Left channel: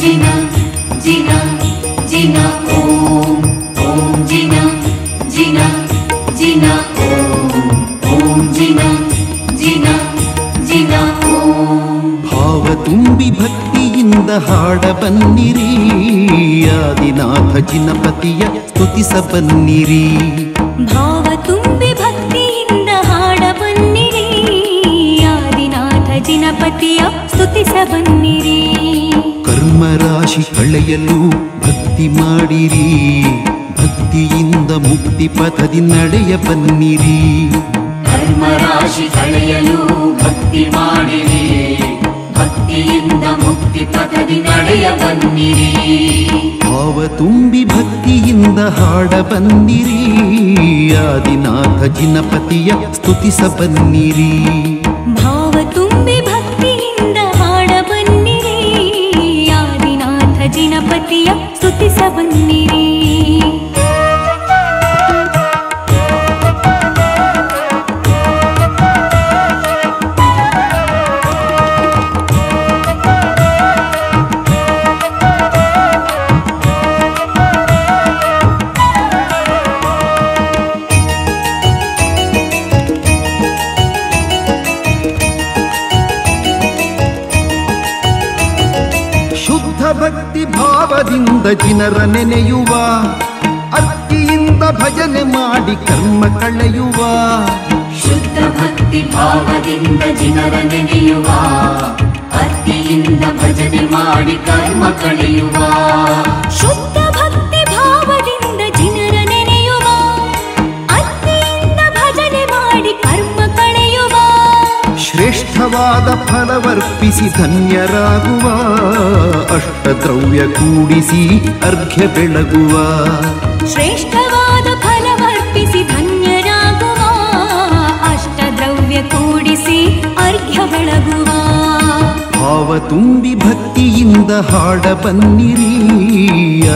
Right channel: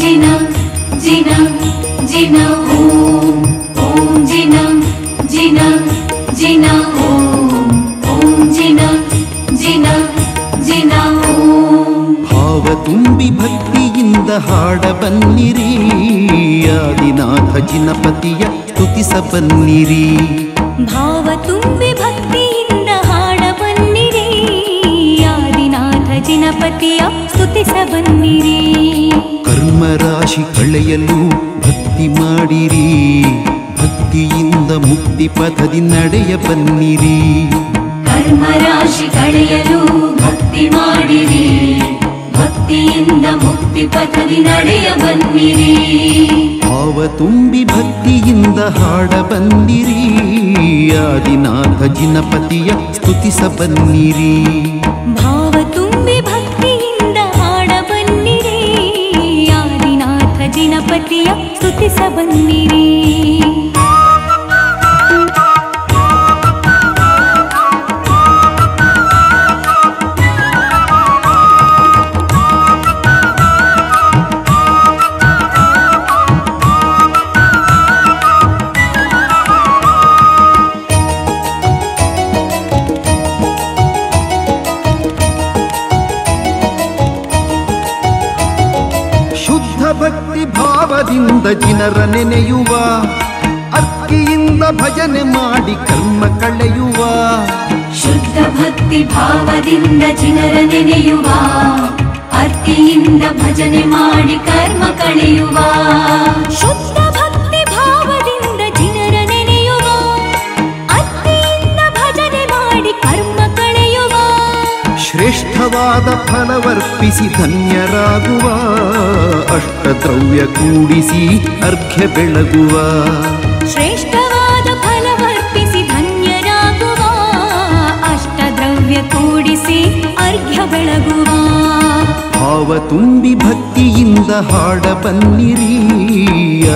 ಜಿನ ಜಿನ ಜಿನ ಓಂ ಓಂ ಜಿನ ಜಿನ ಜಿನ ಓಂ ಜಿನ ಜಿನ ಜಿನ ಓಂ. ಭಾವ ತುಂಬಿ ಭಕ್ತಿಯಿಂದ ಹಾಡ ಬನ್ನಿರಿ, ಆದಿನಾಥ ಜಿನಪತಿಯ ಸ್ತುತಿಸ ಬನ್ನಿರಿ. ಭಾವ ತುಂಬಿ ಭಕ್ತಿಯಿಂದ ಹಾಡ ಬನ್ನಿರಿ, ಆದಿನಾಥ ಜಿನಪತಿಯ ಸ್ತುತಿಸ ಬನ್ನಿರಿ. ಕರ್ಮರಾಶಿ ಕಳೆಯಲು ಭಕ್ತಿ ಮಾಡಿರಿ, ಭಕ್ತಿಯಿಂದ ಮುಕ್ತಿ ಪಥದಿ ನಡೆಯ ಬನ್ನಿರಿ. ಕರ್ಮರಾಶಿ ಕಳೆಯಲು ಭಕ್ತಿ ಮಾಡಿರಿ, ಭಕ್ತಿಯಿಂದ ಮುಕ್ತಿ ಪಥದಿ ನಡೆಯ ಬನ್ನಿರಿ. ಭಾವ ತುಂಬಿ ಭಕ್ತಿಯಿಂದ ಹಾಡ ಬನ್ನಿರಿ, ಆದಿನಾಥ ಜಿನಪತಿಯ ಸ್ತುತಿಸ ಬನ್ನಿರಿ. ಭಾವ ತುಂಬಿ ಭಕ್ತಿಯಿಂದ ಹಾಡ ಬನ್ನಿರಿ, ಆದಿನಾಥ ಜಿನಪತಿಯ ಸ್ತುತಿಸ ಬನ್ನಿರಿ. ಭಕ್ತಿ ಭಾವದಿಂದ ಜಿನರ ನೆನೆಯುವ, ಅರ್ಕಿಯಿಂದ ಭಜನೆ ಮಾಡಿ ಕರ್ಮ ಕಳೆಯುವ. ಶುದ್ಧ ಭಕ್ತಿ ಭಾವದಿಂದ ಜಿನರ ನೆನೆಯುವ, ಅರ್ಕಿಯಿಂದ ಭಜನೆ ಮಾಡಿ ಕರ್ಮ ಕಳೆಯುವ. ಶುದ್ಧ ಭಕ್ತಿ ಭಾವದಿಂದ ಜಿನರ ನೆನೆಯುವ, ಅರ್ಕಿಯಿಂದ ಭಜನೆ ಮಾಡಿ ಕರ್ಮ ಕಳೆಯುವ. ಶ್ರೇಷ್ಠವಾದ ಫಲವರ್ಪಿಸಿ ಧನ್ಯರಾಗುವ, ಅಷ್ಟದ್ರವ್ಯ ಕೂಡಿಸಿ ಅರ್ಘ್ಯ ಬೆಳಗುವ. ಶ್ರೇಷ್ಠವಾದ ಫಲವರ್ಪಿಸಿ ಧನ್ಯರಾಗುವ, ಅಷ್ಟದ್ರವ್ಯ ಕೂಡಿಸಿ ಅರ್ಘ್ಯ ಬೆಳಗುವ. ಭಾವ ತುಂಬಿ ಭಕ್ತಿಯಿಂದ ಹಾಡ ಬನ್ನಿರಿ,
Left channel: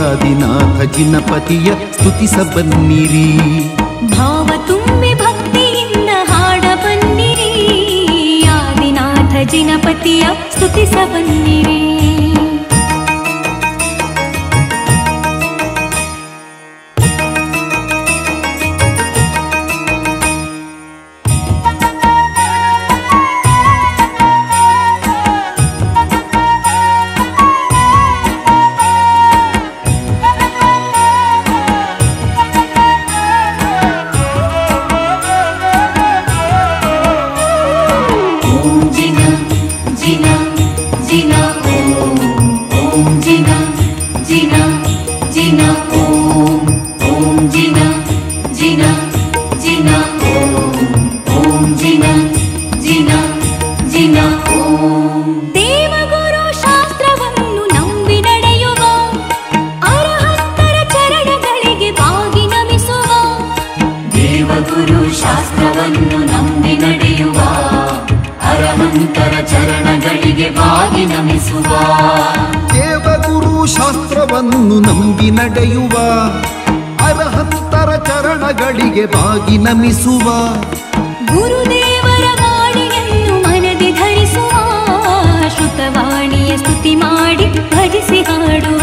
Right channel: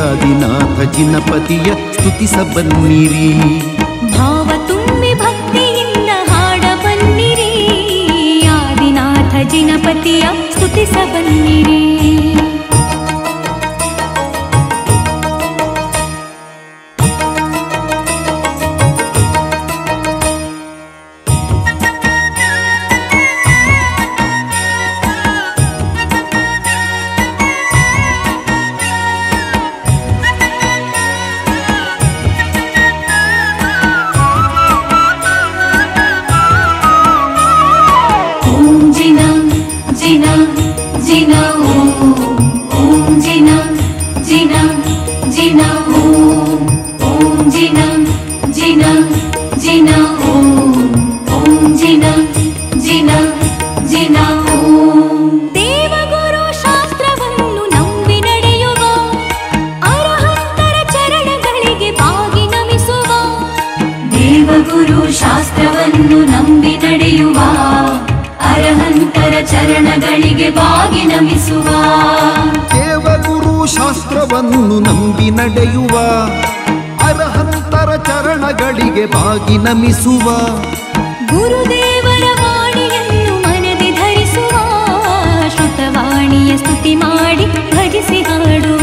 ಆದಿನಾಥ ಜಿನಪತಿಯ ಸ್ತುತಿಸ ಬನ್ನಿರಿ. ಭಾವ ತುಂಬಿ ಭಕ್ತಿಯಿಂದ ಹಾಡ ಬನ್ನಿರಿ, ಆದಿನಾಥ ಜಿನಪತಿಯ ಸ್ತುತಿಸ ಬನ್ನಿರಿ. ದೇವಗುರು ಶಾಸ್ತ್ರವನ್ನು ನಂಬಿ ನಡೆಯುವ, ಅರಹಂತರ ಚರಣಗಳಿಗೆ ಬಾಗಿ ನಮಿಸುವ. ದೇವಗುರು ಶಾಸ್ತ್ರವನ್ನು ನಂಬಿ ನಡೆಯುವ, ಅರಹಂತರ ಚರಣಗಳಿಗೆ ಬಾಗಿ ನಮಿಸುವ. ದೇವಗುರು ಶಾಸ್ತ್ರವನ್ನು ನಂಬಿ ನಡೆಯುವ, ಅರಹಂತರ ಚರಣಗಳಿಗೆ ಬಾಗಿ ನಮಿಸುವ. ಗುರುದೇವರ ವಾಣಿಯನ್ನು ಮನದಿ ಧರಿಸುವ, ಶ್ರುತವಾಣಿಯ ಸ್ತುತಿ ಮಾಡಿ ಭಜಿಸಿ ಹಾಡುವ.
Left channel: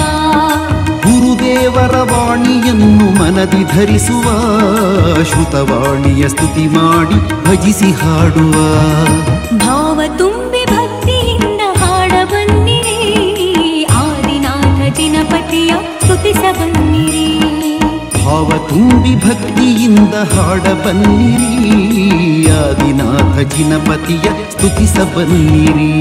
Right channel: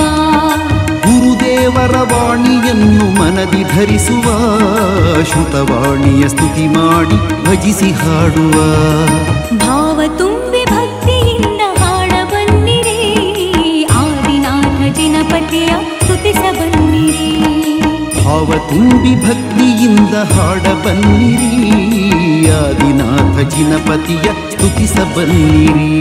ಗುರುದೇವರ ವಾಣಿಯನ್ನು ಮನದಿ ಧರಿಸುವ, ಶ್ರುತವಾಣಿಯ ಸ್ತುತಿ ಮಾಡಿ ಭಜಿಸಿ ಹಾಡುವ. ಭಾವ ತುಂಬಿ ಭಕ್ತಿಯಿಂದ ಹಾಡ ಬನ್ನಿರಿ, ಆದಿನಾಥ ಜಿನಪತಿಯ ಸ್ತುತಿಸ ಬನ್ನಿರಿ. ಭಾವ ತುಂಬಿ ಭಕ್ತಿಯಿಂದ ಹಾಡ ಬನ್ನಿರಿ, ಆದಿನಾಥ ಜಿನಪತಿಯ ಸ್ತುತಿಸ ಬನ್ನಿರಿ.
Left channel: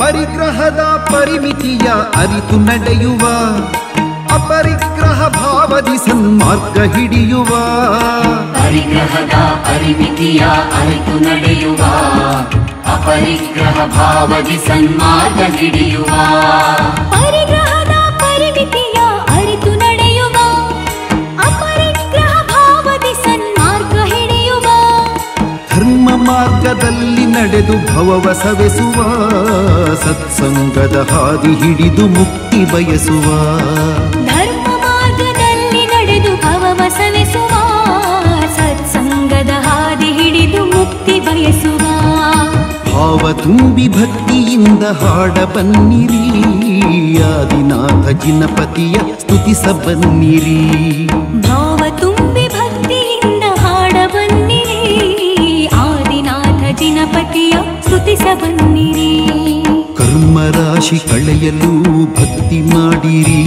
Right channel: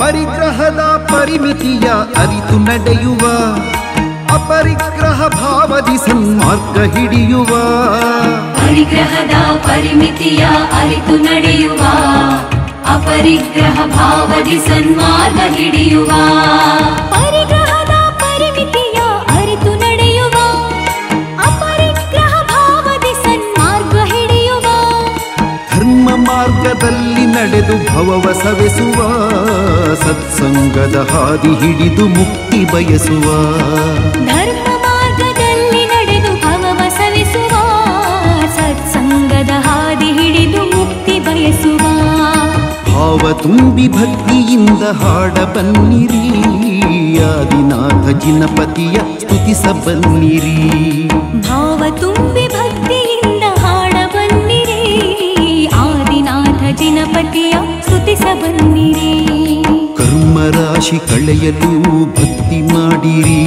ಪರಿಗ್ರಹದ ಪರಿಮಿತಿಯ ಅರಿತು ನಡೆಯುವ, ಅಪರಿಗ್ರಹ ಭಾವದಿ ಸನ್ಮಾರ್ಗ ಹಿಡಿಯುವ. ಪರಿಗ್ರಹದ ಪರಿಮಿತಿಯ ಅರಿತು ನಡೆಯುವ, ಅಪರಿಗ್ರಹ ಭಾವದಿ ಸನ್ಮಾರ್ಗ ಹಿಡಿಯುವ. ಪರಿಗ್ರಹದ ಪರಿಮಿತಿಯ ಅರಿತು ನಡೆಯುವ, ಅಪರ ನಡೆದು ಭವವ ಸವೆಸುವ ಸತ್ಸಂಗದ ಹಾದಿ ಹಿಡಿದು ಮುಕ್ತಿ ಬಯಸುವ ಧರ್ಮ ಮಾರ್ಗದಲ್ಲಿ ನಡೆದು ಭವವ ಸವೆಸುವ ಸತ್ಸಂಗದ ಹಾದಿ ಹಿಡಿದು ಮುಕ್ತಿ ಬಯಸುವ ಭಾವ ತುಂಬಿ ಭಕ್ತಿಯಿಂದ ಹಾಡ ಬನ್ನಿರಿ ಆದಿನಾಥ ಜಿನಪತಿಯ ಸ್ತುತಿಸ ಬನ್ನಿರಿ ಭಾವ ತುಂಬಿ ಭಕ್ತಿಯಿಂದ ಹಾಡ ಬನ್ನಿರಿ ಆದಿನಾಥ ಜಿನಪತಿಯ ಸ್ತುತಿಸ ಬನ್ನಿರಿ ಕರ್ಮ ರಾಶಿ ಕಳೆಯಲು ಭಕ್ತಿ ಮಾಡಿರಿ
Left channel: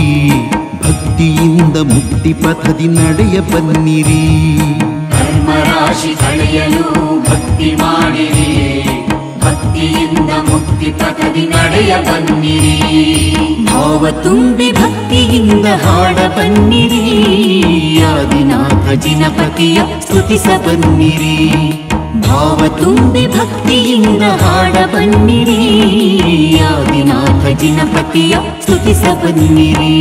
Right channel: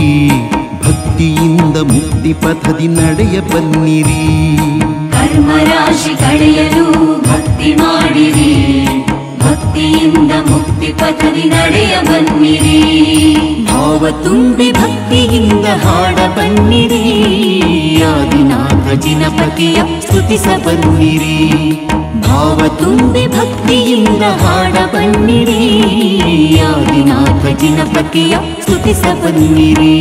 ಭಕ್ತಿಯಿಂದ ಮುಕ್ತಿ ಪಥದಿ ನಡೆಯ ಬನ್ನಿರಿ ಕರ್ಮರಾಶಿ ಕಳೆಯಲು ಭಕ್ತಿ ಮಾಡಿರಿ ಭಕ್ತಿಯಿಂದ ಮುಕ್ತಿ ಪಥದಿ ನಡೆಯ ಬನ್ನಿರಿ ಭಾವ ತುಂಬಿ ಭಕ್ತಿಯಿಂದ ಹಾಡ ಬನ್ನಿರಿ ಆದಿನಾಥ ಜಿನಪತಿಯ ಸ್ತುತಿಸ ಬನ್ನಿರಿ ಭಾವ ತುಂಬಿ ಭಕ್ತಿಯಿಂದ ಹಾಡ ಬನ್ನಿರಿ ಆದಿನಾಥ ಜಿನಪತಿಯ ಸ್ತುತಿಸ ಬನ್ನಿರಿ